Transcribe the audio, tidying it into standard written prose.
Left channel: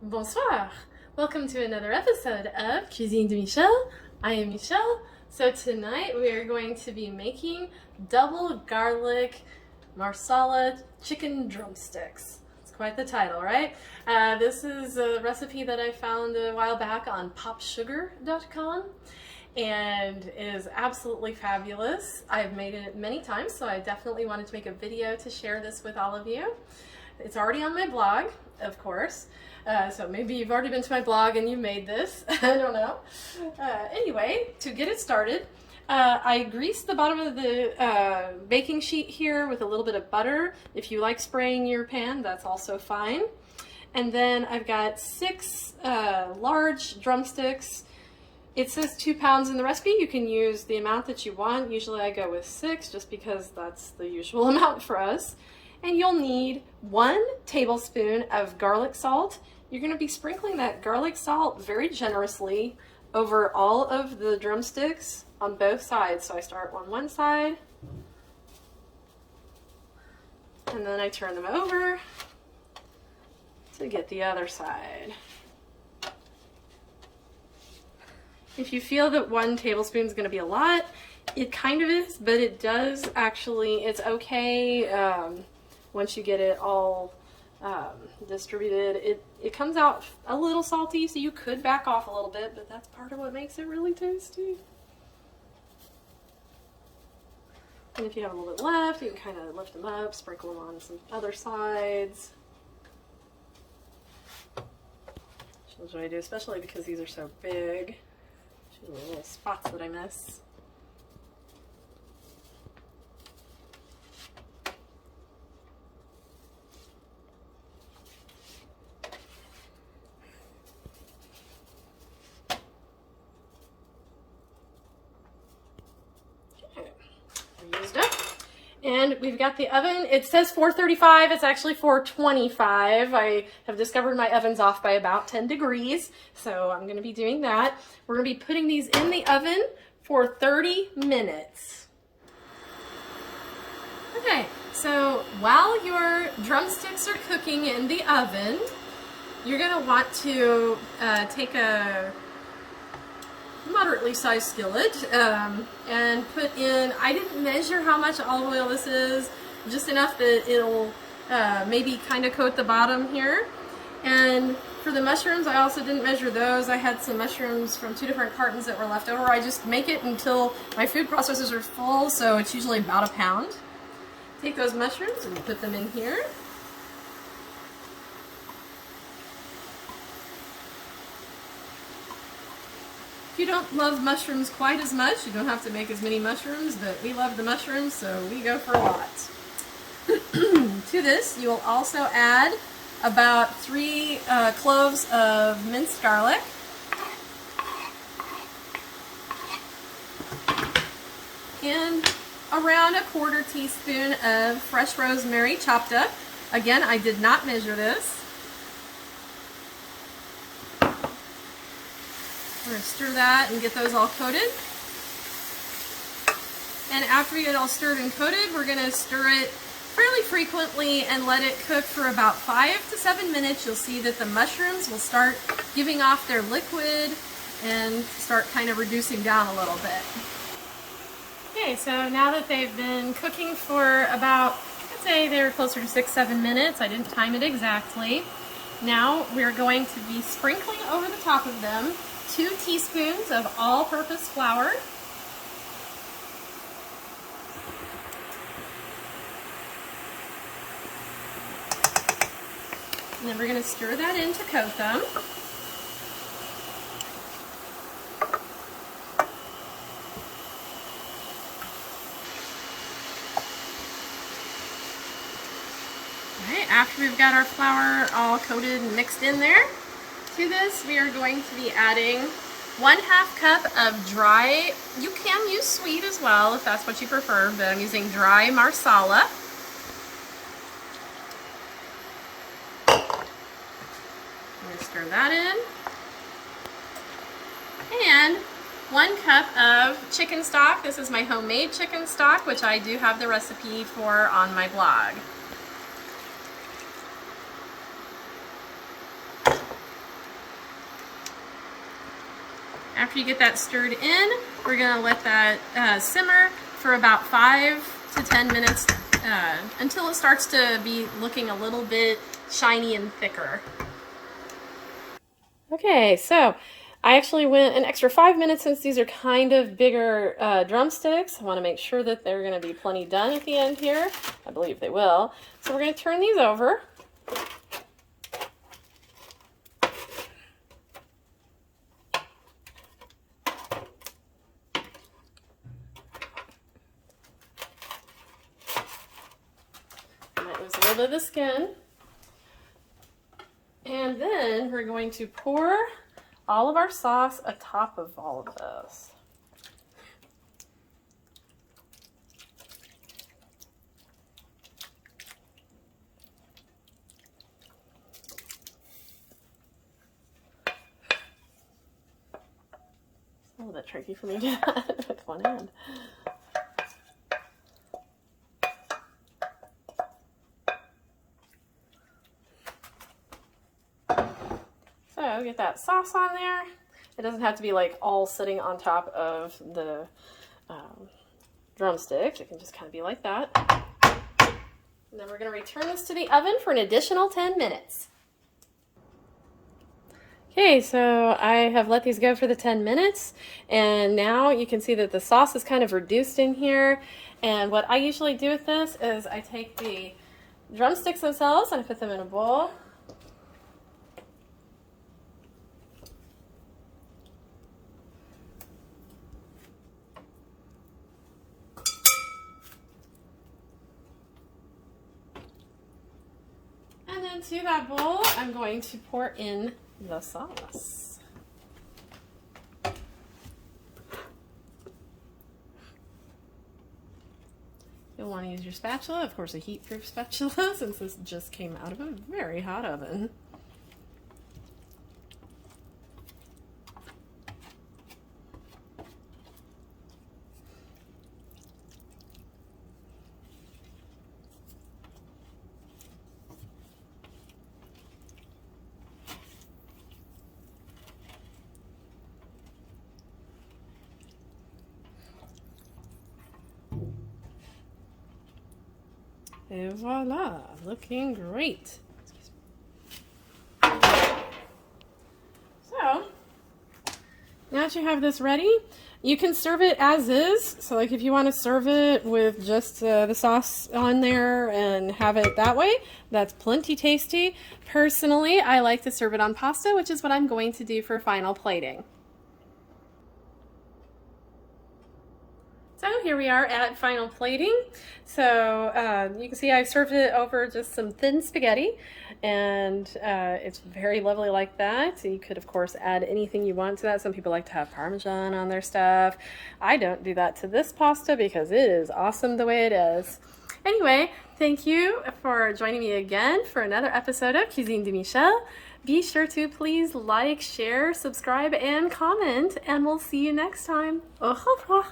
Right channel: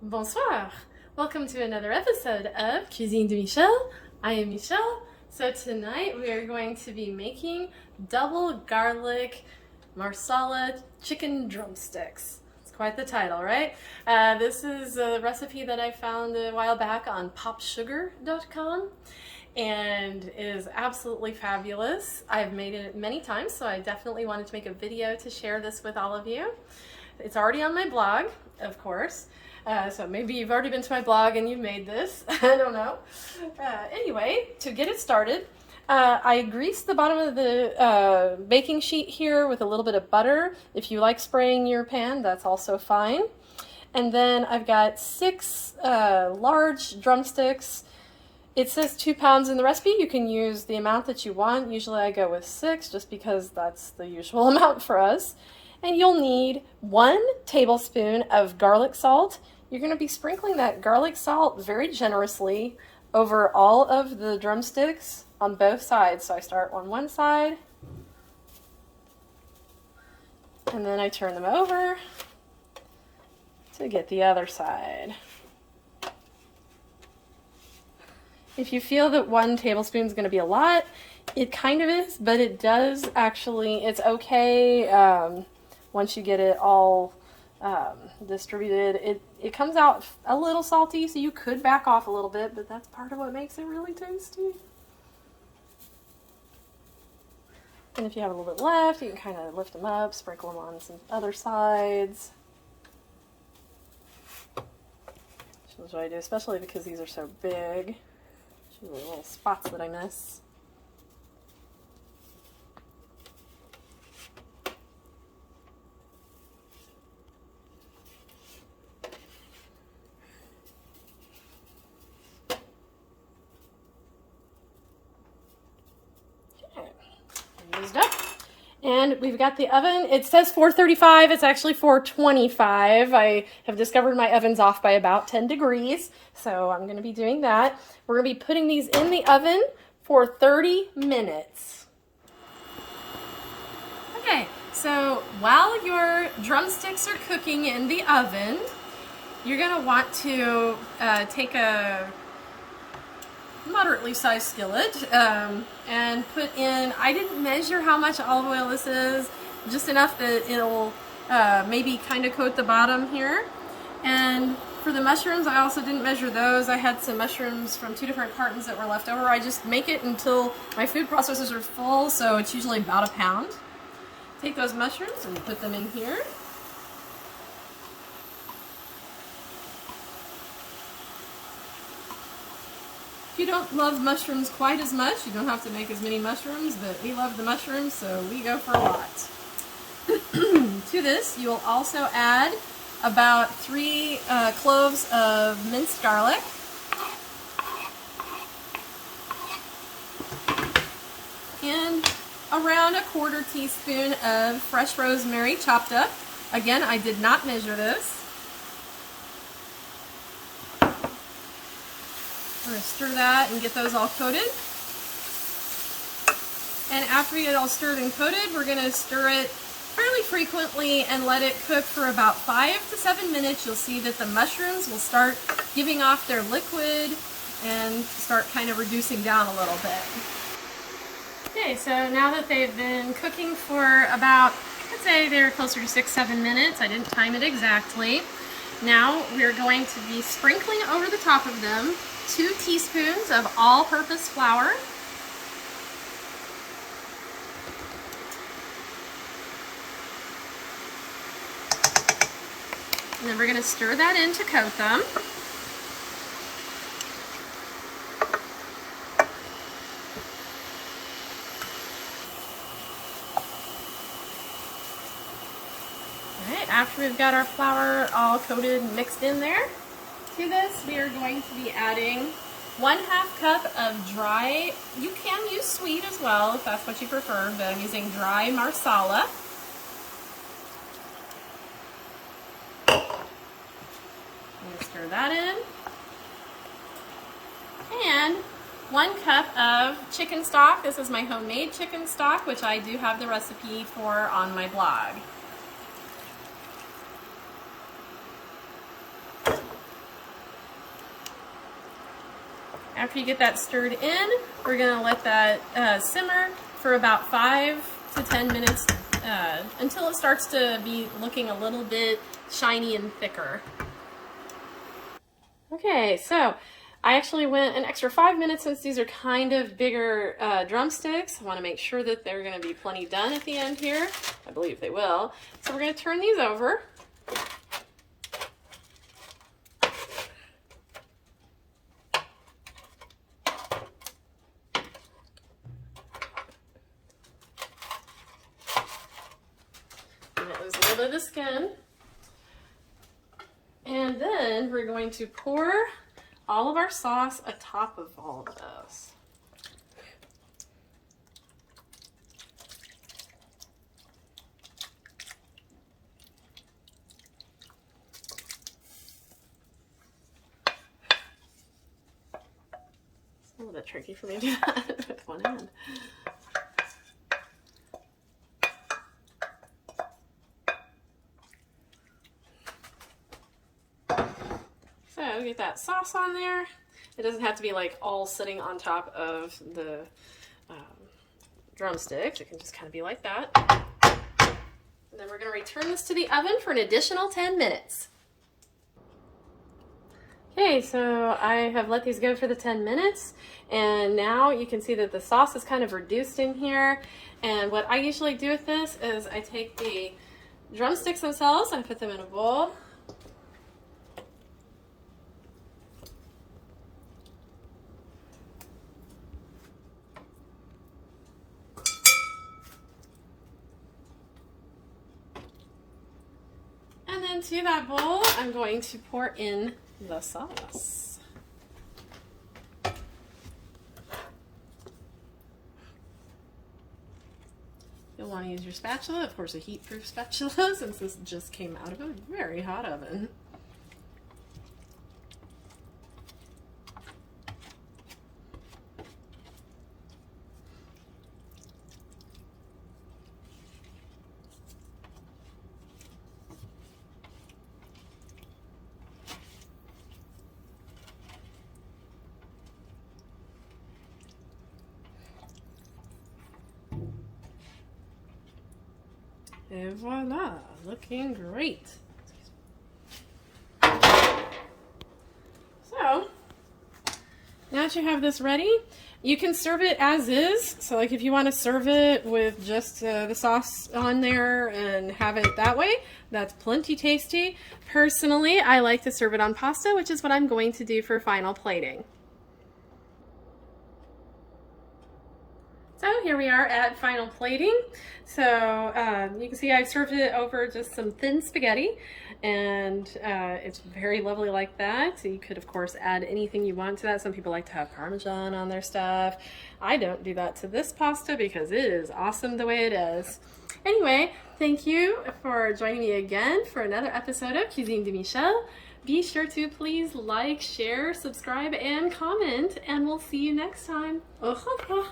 Bonsoir! Welcome to another episode of Cuisine de Michel. I am Michelle. So tonight we are going to be making double garlic Marsala chicken drumsticks. It's quite the title, right? This is a recipe that I found a while back on popsugar.com and is absolutely fabulous. I've made it many times, so I definitely wanted to make a video to share this with all of you. It's already on my blog, of course. So maybe you've already been to my blog and you made this. I don't know. Anyway, to get it started, I greased the bottom of the baking sheet here with a little bit of butter. If you like spraying your pan, that's also fine. And then I've got 6 large drumsticks. It says 2 pounds in the recipe. You can use the amount that you want. Usually I go with 6 just because that's the usual amount for us. And you'll need 1 tablespoon of garlic salt. You're going to be sprinkling that garlic salt very generously over all of the drumsticks on both sides. So I start on one side, and then I turn them over to get the other side. If you feel that 1 tablespoon is going to be a lot, it kind of is, but it does actually, it's okay once you get it all distributed. It comes out a little salty, so you could back off a little bit, but that's part of what makes it really tasty. And if you have a little bit left, you can kind of lift them up, sprinkle them on some other sides. Which is what I do, especially because these are so big. Show the little spots that I miss. Up. And we've got the oven. It says 435. It's actually 425. I have discovered my oven's off by about 10 degrees, so I'm going to be doing that. We're going to be putting these in the oven for 30 minutes. Okay, so while your drumsticks are cooking in the oven, you're going to want to take a moderately sized skillet and put in, I didn't measure how much olive oil this is, just enough that it'll maybe kind of coat the bottom here. And for the mushrooms, I also didn't measure those. I had some mushrooms from 2 different cartons that were left over. I just make it until my food processors are full, so it's usually about a pound. Take those mushrooms and put them in here. If you don't love mushrooms quite as much, you don't have to make as many mushrooms, but we love the mushrooms, so we go for a lot. To this, you'll also add about 3 cloves of minced garlic, and around a 1/4 teaspoon of fresh rosemary chopped up. Again, I did not measure this. We're going to stir that and get those all coated. And after we get it all stirred and coated, we're going to stir it fairly frequently and let it cook for about 5 to 7 minutes. You'll see that the mushrooms will start giving off their liquid and start kind of reducing down a little bit. Okay, so now that they've been cooking for about, I'd say they're closer to 6-7 minutes. I didn't time it exactly. Now we're going to be sprinkling over the top of them 2 teaspoons of all-purpose flour. And then we're going to stir that in to coat them. All right, after we've got our flour all coated and mixed in there, to this we are going to be adding 1/2 cup of dry, you can use sweet as well if that's what you prefer, but I'm using dry Marsala. I'm going to stir that in. And 1 cup of chicken stock. This is my homemade chicken stock, which I do have the recipe for on my blog. After you get that stirred in, we're gonna let that simmer for about 5 to 10 minutes until it starts to be looking a little bit shiny and thicker. Okay, so I actually went an extra 5 minutes since these are kind of bigger drumsticks. I want to make sure that they're going to be plenty done at the end here. I believe they will. So we're going to turn these over. Let those rid of the skin. And then we're going to pour all of our sauce atop of all of this. It's a little bit tricky for me to do that with one hand. So get that sauce on there. It doesn't have to be like all sitting on top of the drumsticks. It can just kind of be like that. And then we're going to return this to the oven for an additional 10 minutes. Okay, so I have let these go for the 10 minutes, and now you can see that the sauce is kind of reduced in here. And what I usually do with this is I take the drumsticks themselves and put them in a bowl. And then to that bowl, I'm going to pour in the sauce. You'll want to use your spatula, of course a heat-proof spatula, since this just came out of a very hot oven. And voila, looking great. So, now that you have this ready, you can serve it as is. So like if you want to serve it with just the sauce on there and have it that way, that's plenty tasty. Personally, I like to serve it on pasta, which is what I'm going to do for final plating. So here we are at final plating. So you can see I served it over just some thin spaghetti, and it's very lovely like that. So you could of course add anything you want to that. Some people like to have Parmesan on their stuff. I don't do that to this pasta because it is awesome the way it is. Anyway, thank you for joining me again for another episode of Cuisine de Michel. Be sure to please like, share, subscribe, and comment, and we'll see you next time. Au revoir.